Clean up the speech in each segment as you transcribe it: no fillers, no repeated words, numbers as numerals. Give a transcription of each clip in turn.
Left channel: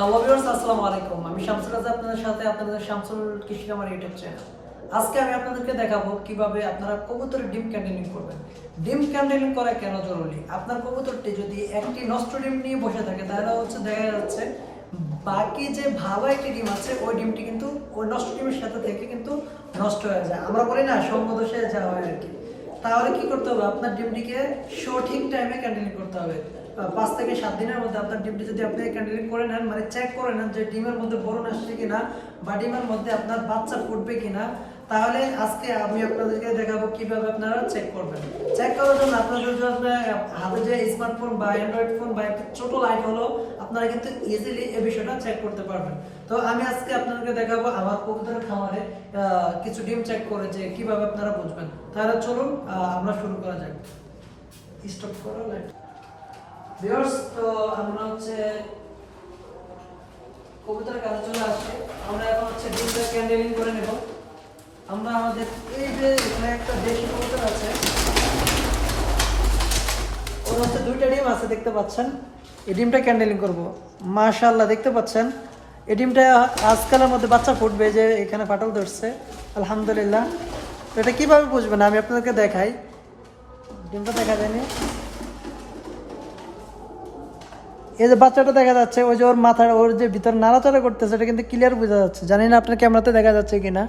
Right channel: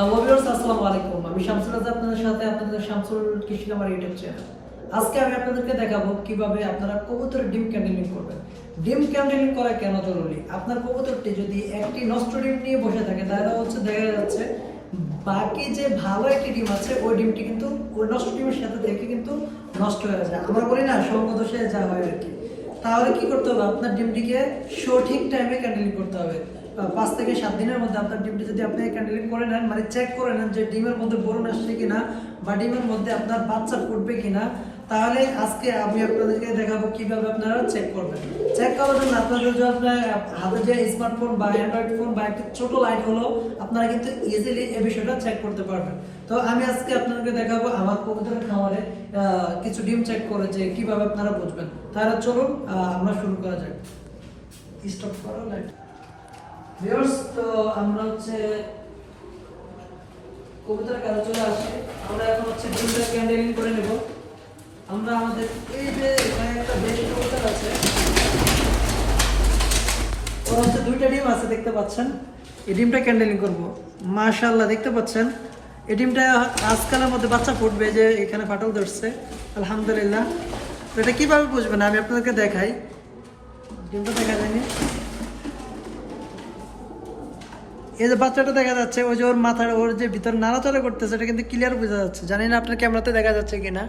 Hello viewers, আসসালামু আলাইকুম। আমি শামসুল রাজা, আপনাদের সাথে আপনাদের শামসুল কৃষি খামার ইউটিউব চ্যানেল। আজকে আমি আপনাদেরকে দেখাবো কিভাবে আপনারা কবুতরের ডিম ক্যান্ডেলিং করবেন। ডিম ক্যান্ডেলিং করা কেন জরুরি? আপনার কবুতরটি যদি একটি নষ্ট ডিম নিয়ে বসে থাকে তাহলে দেখা যাচ্ছে বাকি যে ভালো একটি ডিম আছে ওই ডিমটি কিন্তু ওই নষ্ট ডিমের সাথে থেকে কিন্তু নষ্ট হয়ে যায়। আমরা বলি না সর্বদোষে যা হয় আর কি। তাহলে কি করতে হবে? আপনার ডিমটিকে সঠিক টাইমে ক্যান্ডেলিং করতে হবে। 5 থেকে 7 দিনের মধ্যে আপনার ডিমটি যদি আপনি ক্যান্ডেলিং করে নেন, মানে চেক করে নেন যে ডিমের মধ্যে বোরন আসছে কিনা বা ডিমের মধ্যে আপনার বাচ্চা ফুটবে কিনা, তাহলে আজকে আমি আপনাদেরকে দেখাবো কিভাবে আপনারা চেক করবেন। চেক করার জন্য আপনাদের যদি আপনার হাতে যে স্মার্টফোন বা অ্যান্ড্রয়েড ফোন বা একটা ছোট লাইট হলো, আপনারা কিন্তু ইজিলি এই বিষয়টা চেক করতে পারবেন। তো আমি আজকে আপনাদেরকে দেখাবো আমার কবুতরের খামারে কিছু ডিম চেক করে যে কিভাবে আপনারা বুঝবেন। তাহলে চলুন আমরা শুরু করা যাক। স্টপ করো লাইট। ভিউয়ার্স, তো আমরা কবুতরের কাছে চলে আসছি। আমরা এখন ডিমটা ক্যান্ডেলিং করে নেব। আমরা আমাদের এই যে এখানে একটা দেশি কবুতর আছে, ওর দুইটা ডিম আছে দেখতে পাচ্ছেন। এই ডিমটা ক্যান্ডেলিং করব। মাশাআল্লাহ, দেখতে পাচ্ছেন এই ডিমটা আজকালের মধ্যে বাচ্চা ফুটবে, যে এখানে ফাটল ধরছে আলহামদুলিল্লাহ। তো এটা কিভাবে বুঝবেন আমি আপনাদেরকে দেখাই। ডিমটা দেখা যায়নি, এই যে বাচ্চাটা দেখা যাচ্ছে, ওই যে ওর মাথার ওর যে ভিতর নাড়াচাড়া করতেছে, এটা কিন্তু ক্লিয়ার বোঝা যাচ্ছে। জানি না আপনার ক্যামেরাতে দেখা যাচ্ছে কিনা।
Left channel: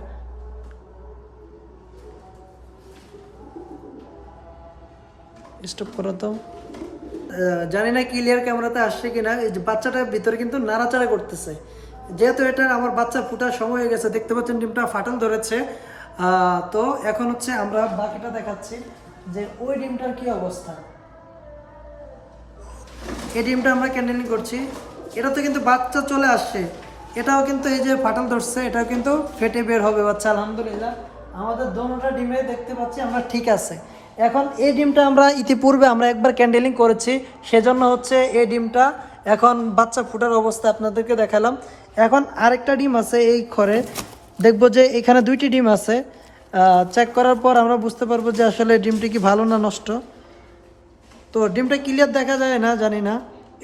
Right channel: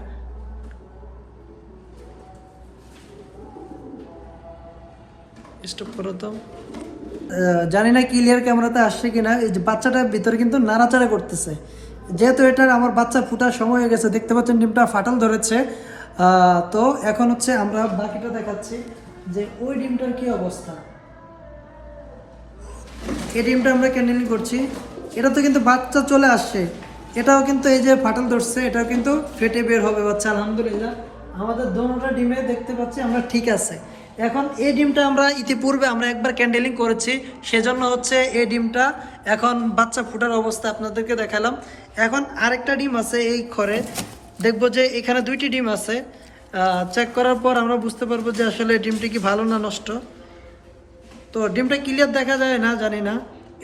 স্টপ করো তো। জানি না ক্লিয়ার ক্যামেরাতে আসছে কিনা। এই যে বাচ্চাটার ভিতরে কিন্তু নাড়াচাড়া করতেছে, যেহেতু এটা আমার বাচ্চা ফুটার সময় হয়ে গেছে। দেখতে পাচ্ছেন ডিমটা ফাটল ধরেছে। তো এখন আমরা বাকিটা দেখাচ্ছি যে ওই ডিমটার কি অবস্থা। এই ডিমটা আমরা ক্যান্ডেলিং করছি, এটা তো কিন্তু বাচ্চা চলে আসছে। এটাও কিন্তু এই যে ফাটল ধরছে, এটাও কিন্তু ফেটে বের হবে বাচ্চা আলহামদুলিল্লাহ। আমাদের দোনোটা ডিমে দেখতে পাচ্ছি আমরা ঠিক আছে। এখন এই ডিমটা আমরা ইতিপূর্বে আমরা একবার ক্যান্ডেলিং করেছি, সেজন্য এই ডিমটা এখন বাচ্চা ফুটার অবস্থা আপনাদেরকে দেখালাম। এখন আরেকটা ডিম আছে এই ঘরে, দেখবো যে এখানে দুইটি ডিম আছে। চেক করার পর আমরা বুঝতে পারবো যে আসলে ডিমটি কি ভালো না নষ্ট। তো ডিমটা ক্লিয়ার দেখা যায় না, জানি না।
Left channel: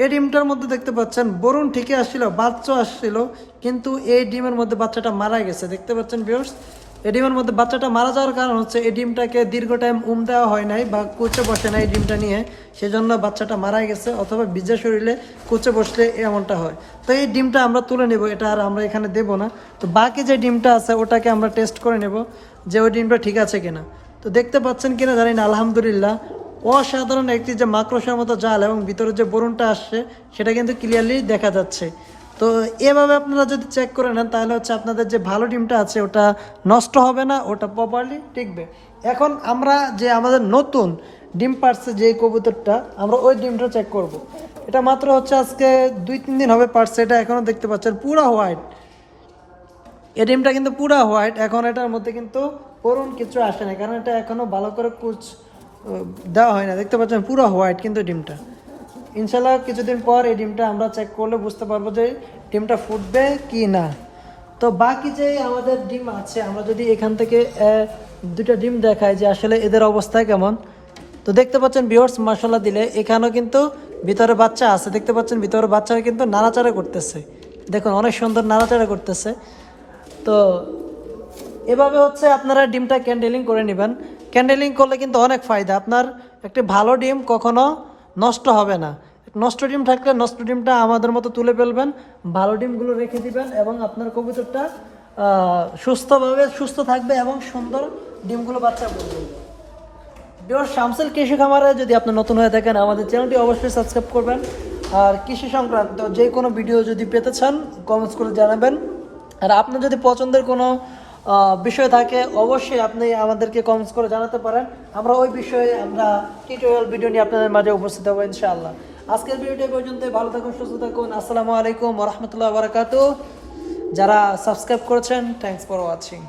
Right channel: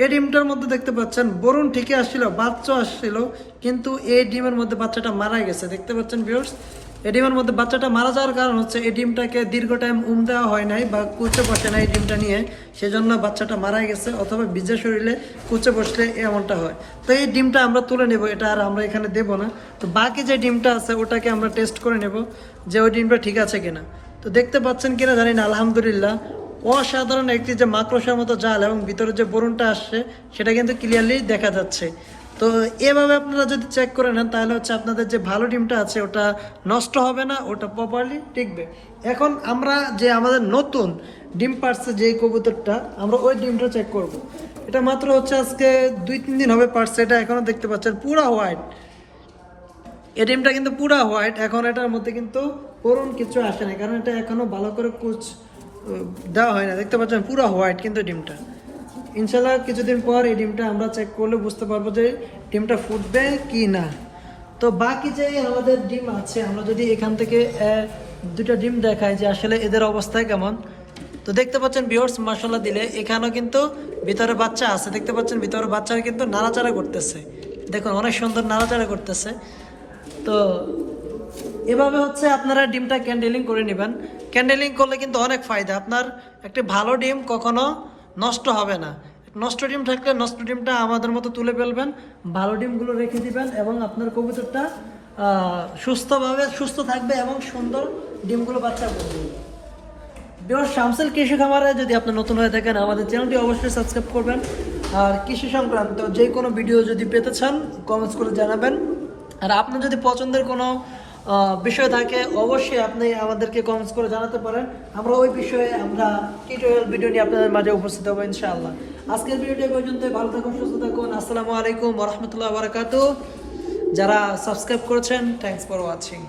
এই ডিমটার মধ্যে দেখতে পাচ্ছেন বরুণ ঠিকই আসছিল, বাচ্চা আসছিল, কিন্তু এই ডিমের মধ্যে বাচ্চাটা মারা গেছে। দেখতে পাচ্ছেন ভিউয়ার্স, এই ডিমের মধ্যে বাচ্চাটা মারা যাওয়ার কারণ এই ডিমটাকে দীর্ঘ টাইম দেওয়া হয় নাই বা কুচে বসে নাই এই ডিমটা নিয়ে, সেজন্য বাচ্চাটা মারা গেছে। অথবা ভিজা শরীরে কুচে বসলে এমনটা হয়। তো এই ডিমটা আমরা তুলে নেব, এটা আর আমরা এখানে দেবো না। তো বাকি যে ডিমটা আছে ওটাকে আমরা টেস্ট করে নেব যে ওই ডিমটা ঠিক আছে কিনা। তো দেখতে পাচ্ছেন কিনা জানি না, আলহামদুলিল্লাহ অসাধারণ একটি যে মাকড়সার মতো জাল এবং ভিতরে যে বরুণটা আসছে সেটা কিন্তু ক্লিয়ারলি দেখা যাচ্ছে। তো এভাবে আপনারা যদি চেক করে নেন তাহলে আপনাদের যে ভালো ডিমটা আছে ওটা নষ্ট হবে না, ওটা প্রপারলি টিকবে। এখন আমরা যে আমাদের নতুন ডিম পারছে যে কবুতরটা, আমরা ওই ডিমটা চেক করব। এটা মাত্র আজকে 2-3 দিন হবে পারছে। এটা এখনও দেখতে পাচ্ছেন পুরো হোয়াইট। এই ডিমটা কিন্তু পুরো হোয়াইট। এখন এটার মধ্যে কিন্তু বরুণ কিছু আসে না, কারণ এটা এখনও ভালো করে কুচ দেওয়া হয় না। দেখতে পাচ্ছেন পুরো হোয়াইট কিন্তু ডিমটা। ইনশাল্লাহ কিছুদিন পর এই ডিমটা আমরা চেক করলে বুঝতে পারবো যে ডিমটা ফুটবে কি না। তো বাকি যে আমাদের ডিম আছে, আমরা যদি এখান থেকে দুটো ডিম দেখাই যে আসলে এদের অবস্থা কেমন। তো দেখতে পাচ্ছেন ভিউয়ার্স, মশলা দিলে এখানেও কিন্তু ভিতরে বাচ্চা আছে। দেখতে পাচ্ছেন ভিতরে বাচ্চারা কিন্তু নাড়াচাড়া করতেছে, দেখুন অনেক সুন্দর নাড়াচাড়া করতেছে। তো এভাবে আপনারা ডিমটা ক্যান্ডেলিং করে নেবেন। ক্যান্ডেলিং করলে কিন্তু অনেক ফায়দা। আপনার একটি ভালো ডিম কখনো নষ্ট হবে না। নষ্ট ডিম থাকলে নষ্ট ডিমটা আমাদের মতো তুলে ফেলবেন, ভালো ডিমগুলো রেখে দিবেন এবং আপনার কবুতরটা সুস্থ থাকবে এবং সুন্দর ডিমগুলো বাচ্চা করে দেবে। শামসুল কৃষি খামারে যদি আপনি নতুন হয়ে থাকেন, আমাদের চ্যানেলটি অবশ্যই সাবস্ক্রাইব করবেন। আর কৃষি সংক্রান্ত যে কোনো ভিডিও যদি পেতে চান কমেন্টস করে জানাবেন। আর আপনার যদি পছন্দের কোনো বিষয় থাকে অবশ্যই আপনি আমাদেরকে কমেন্টস করে জানাতে পারেন। আমরা ওই বিষয়ে টিউটোরিয়াল ভিডিও নিয়ে আপনাদের মাঝে উপস্থিত হবো ইনশাআল্লাহ। আজকের ভিডিওটি পর্যন্তই। ভালো থাকুন, সুস্থ থাকুন। আসসালামু আলাইকুম ওয়া রাহমাতুল্লাহি ওয়া বারাকাতুহু। যারা সাবস্ক্রাইব করেছেন, থ্যাঙ্কস ফর ওয়াচিং।